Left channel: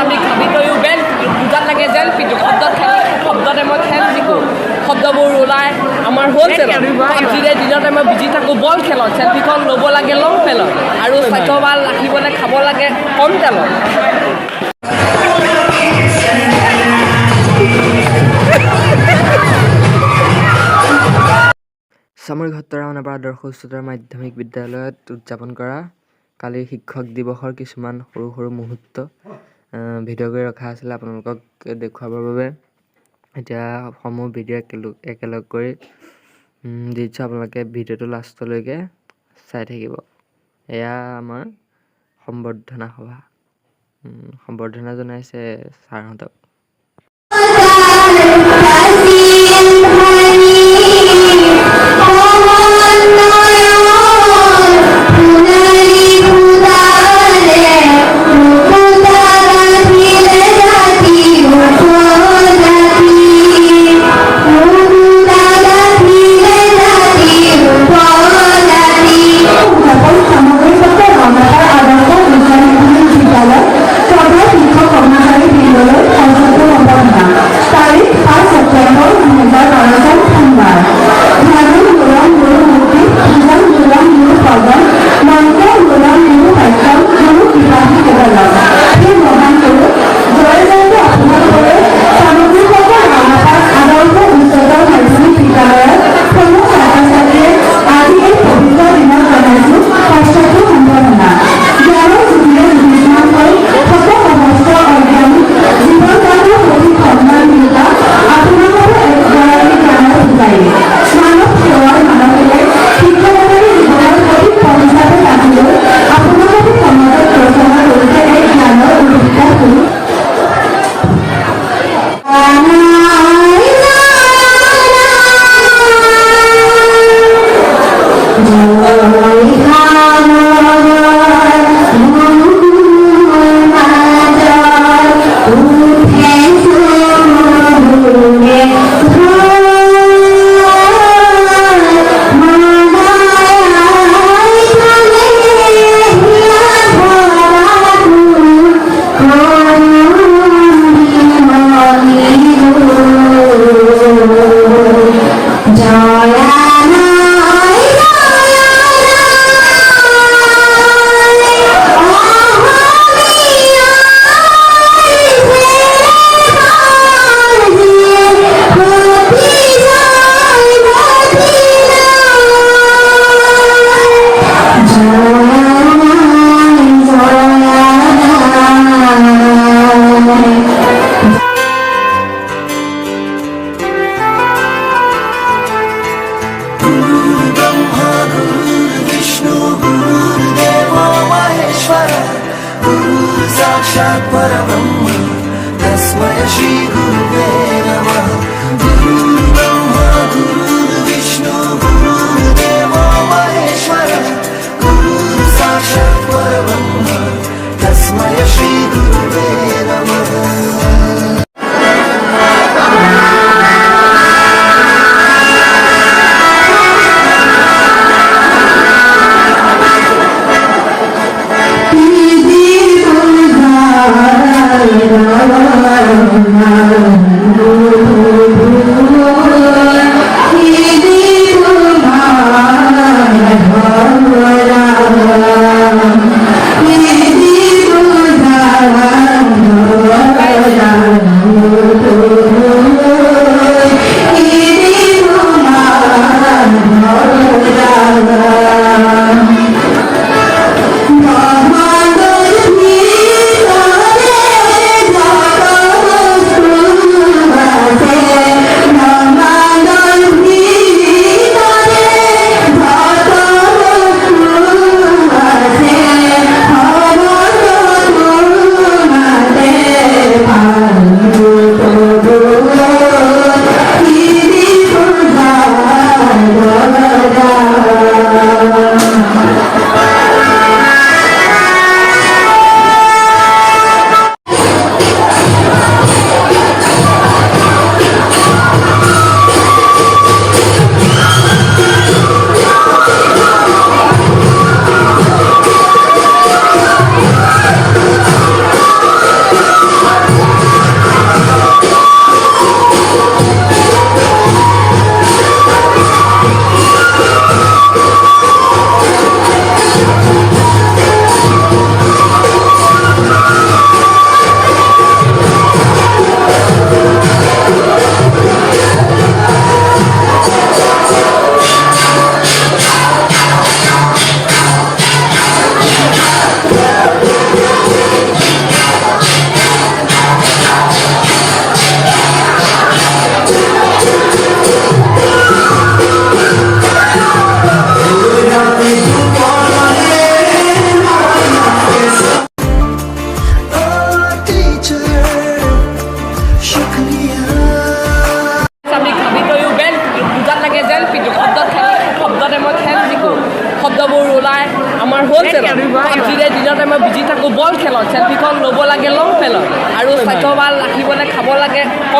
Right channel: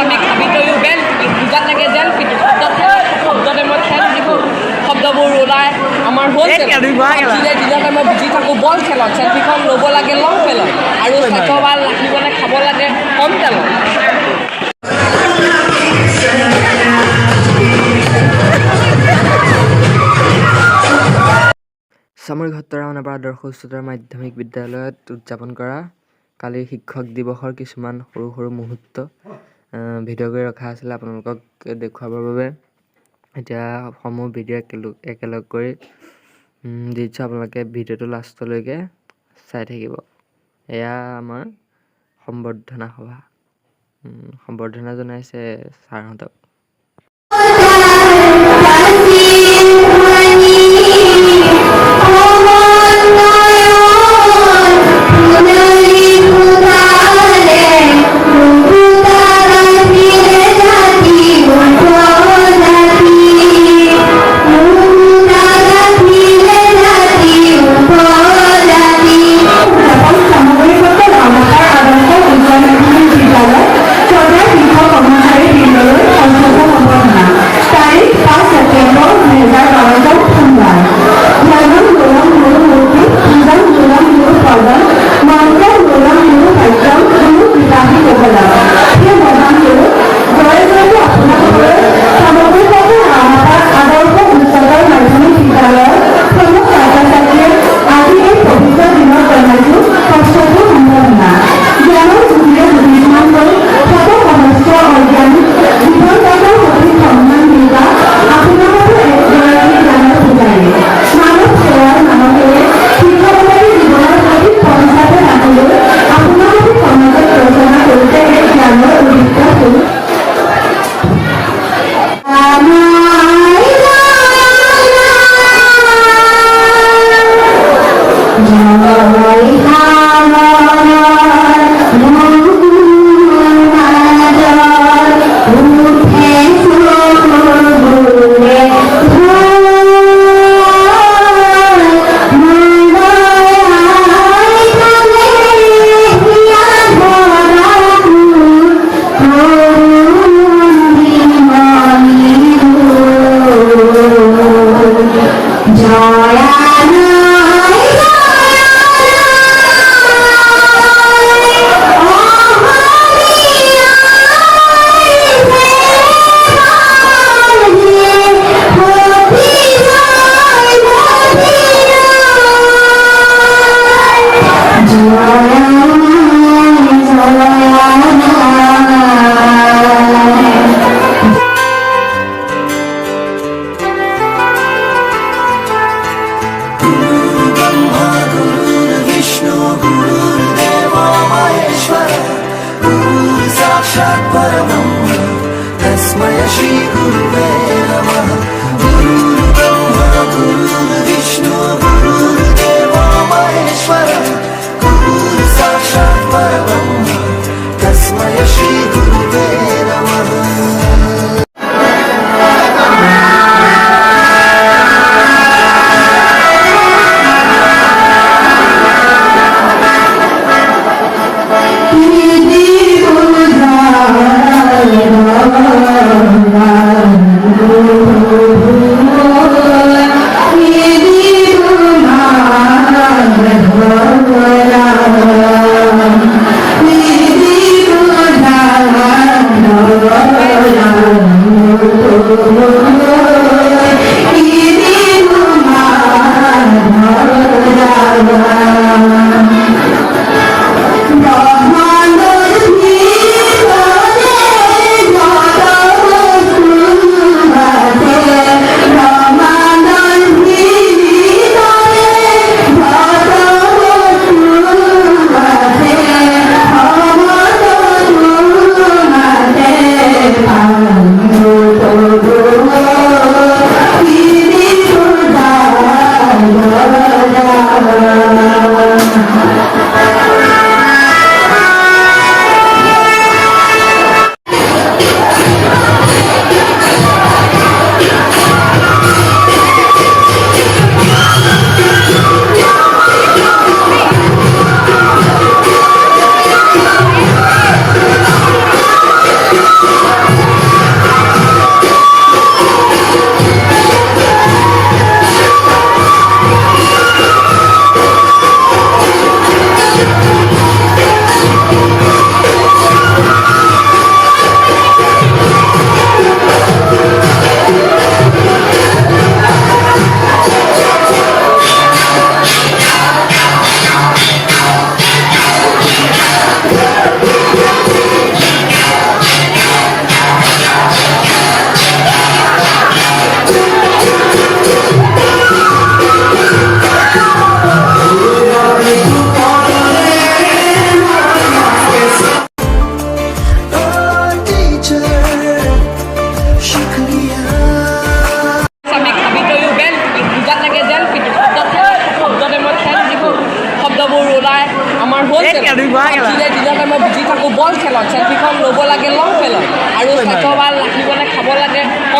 আমি খাবিতৈও বেল বুজাত লাগে যেন কিন্তু শব্দতে মই খেল যিবোৰ শব্দবোৰ ওলাই আমাৰ হ'লচেলত যিনে দিনতে মই বুজি থাকোঁ বল খেলত চেল্ফিখন ল'ব লাগে লং খেলত আৰু স্বাস্থ্য ভাল ৰাখিবলৈ খাব লাগে কম তেলত সামৰিক সত্ৰৰ ৰাওনাপাৰা আদৰ্শ উচ্চতৰ মাধ্যমিক বিদ্যালয়ত উদযাপন কৰা কালিৰ শিক্ষক দিৱসৰ কিছুমান সৰু সৰু মুহূৰ্ত ভিডিঅ' কৰি ৰখা আছিলে আপোনালোকক দেখুৱাবৰ বাবে এতিয়া সমূহ ভিডিঅ' একেলগ কৰি দি দিছোঁ আপোনালোকে ভিডিঅ'টো লাষ্টলৈকে চাই থাকিব এয়া আমাৰ সম্বৰ্ধনা সভা সম্বৰ্ধনা জনাইছে ছাৰহঁতক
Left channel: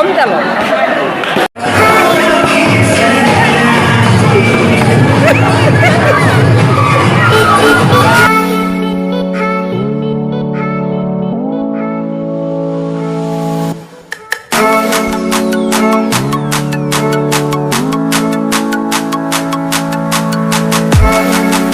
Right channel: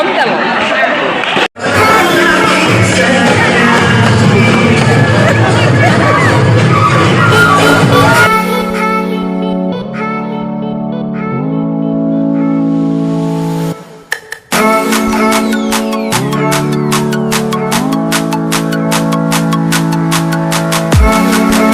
কম তেলত